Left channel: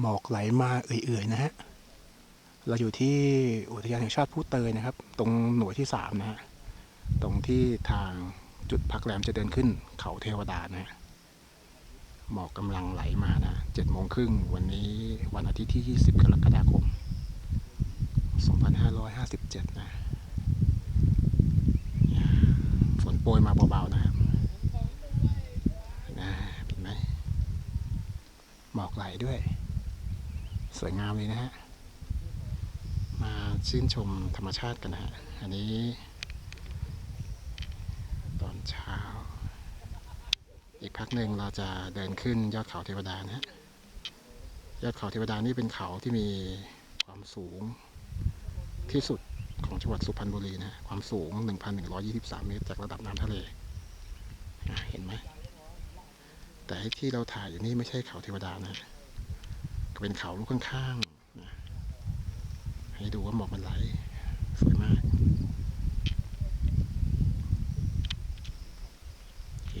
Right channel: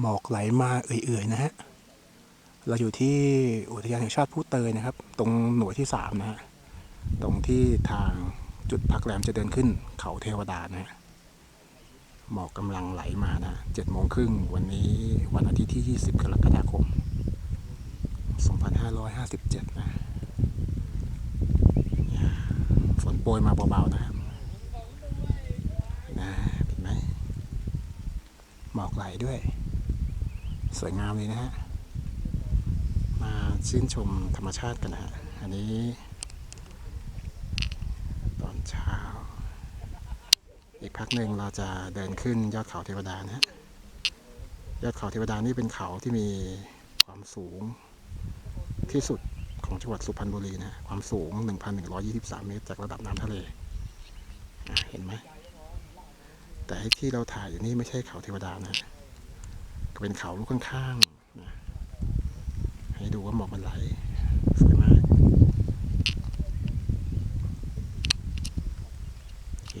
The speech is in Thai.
หมอกไหลมาเอื่อยๆนะฮะ เราอยู่ที่อุทยานแห่งชาติผู้เตยนะครับ ตรงหน่วยที่สามนะฮะ ตรงที่ทางจุดพักแรมจะเดินขึ้นเขาเทวดานะฮะ หมอกกำลังไหลมานะเจ็ดโมงครึ่งวันนี้วันอาทิตย์ที่ 20 กรกฎาคม 2557 นะเนี่ยฝนโปรยมาเบาๆนะครับนะเห็นไหมหมอกไหลด้วย สวยงามเลยนะฮะ มาชื่นชมธรรมชาติกันนะฮะ อันนี้ ตอนเช้า อีกพักหนึ่งเราจะเดินขึ้นยอดเขาเทวดานะฮะ ยอดเขาเทวดานี่เป็นเขาที่มีความสูงที่สุดของจังหวัดสุพรรณบุรีนะฮะความสูง 1,123 เมตร จากระดับน้ำทะเล เห็นไหม แต่ที่เราถ่ายอยู่นี่ไม่ใช่เขาเทวดานะ เป็นเขาลูกข้างๆ ให้ดูว่าหมอกมันไหล สวยมากโอเค